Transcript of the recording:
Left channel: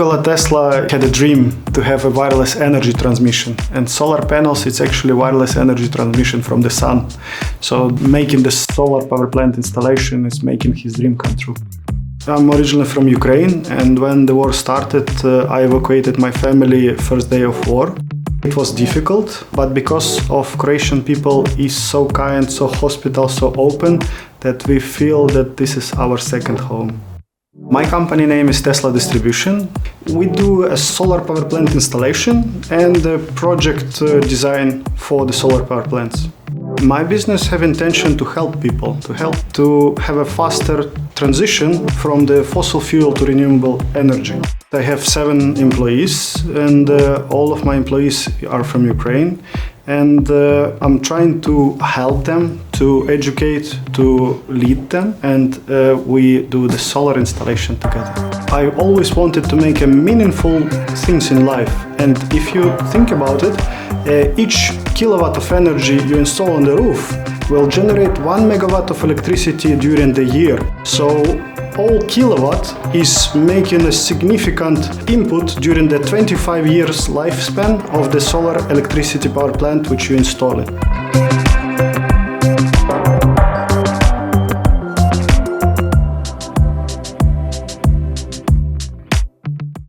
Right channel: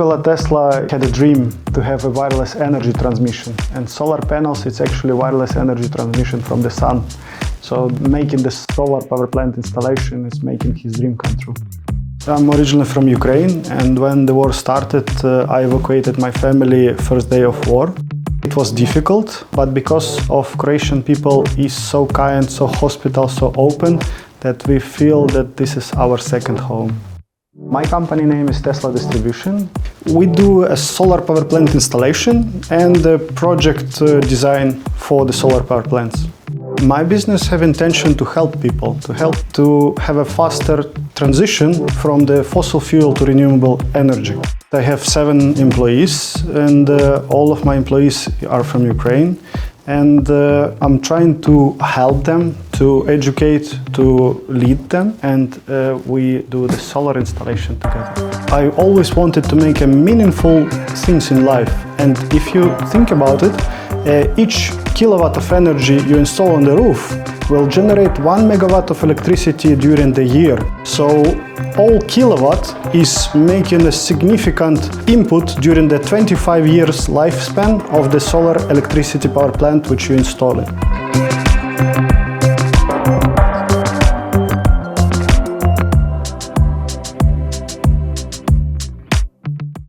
Nikola Tesla had a dream to have a wireless energy transmission, and solar panels, it's actually wireless energy transmission from the sun. So making the solar power plant installation is making his dream come true. I'm originally from Ukraine, and when the war started, I evacuated my family first day of war. It was difficult, but because of Croatian people is so kind, so hospitable, so open, that we feel that this is our second home. My company name is Tesla Distribution. We do a solar power plant installation and a project design for the solar power plants. My business have intention to help people, to have a faster transition from the fossil fuel to renewable energy. I have 7 employees, and all of my employees are from Ukraine. And I'm trying to help them, to educate, to lead them, and we do the solar installation together. I always wanted to make a meaningful things in life, and if you think about it, each kilowatt of energy you install on the roof will generate 1 megawatt of electricity during the year. So all kilowatt is making a significant input during the 25 years lifespan of the solar electricity power plant which you install.